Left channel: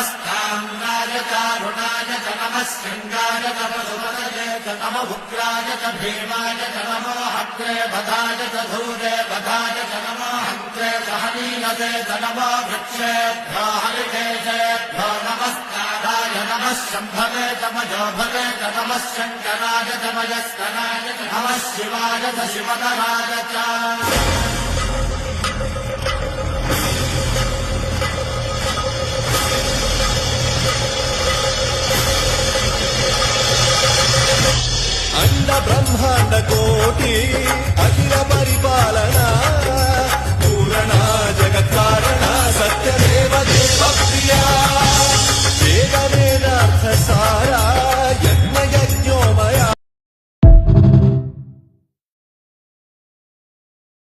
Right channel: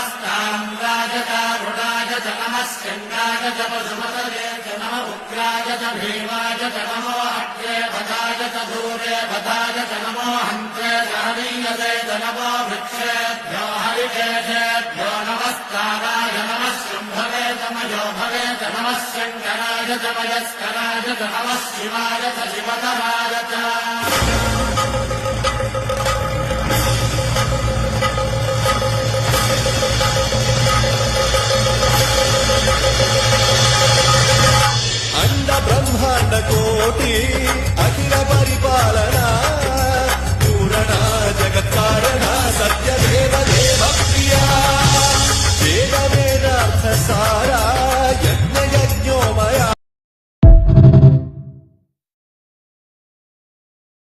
नमस्ताम्राय तारुणाय च नमः स्कन्दाय च पशुपतये च नमः उग्राय च भीमाय च नमो अग्ने पदाय च धूरे पदाय च नमो हन्त्रे च हनीयते च नमो वृक्षेभ्यो हरिकेशेभ्यो नमस्काराय नमः शम्भवे च मयोभवे च नमः शङ्कराय च मयस्कराय च नमः शिवाय च शिवतराय च अंड ब्रह्मांड कोटि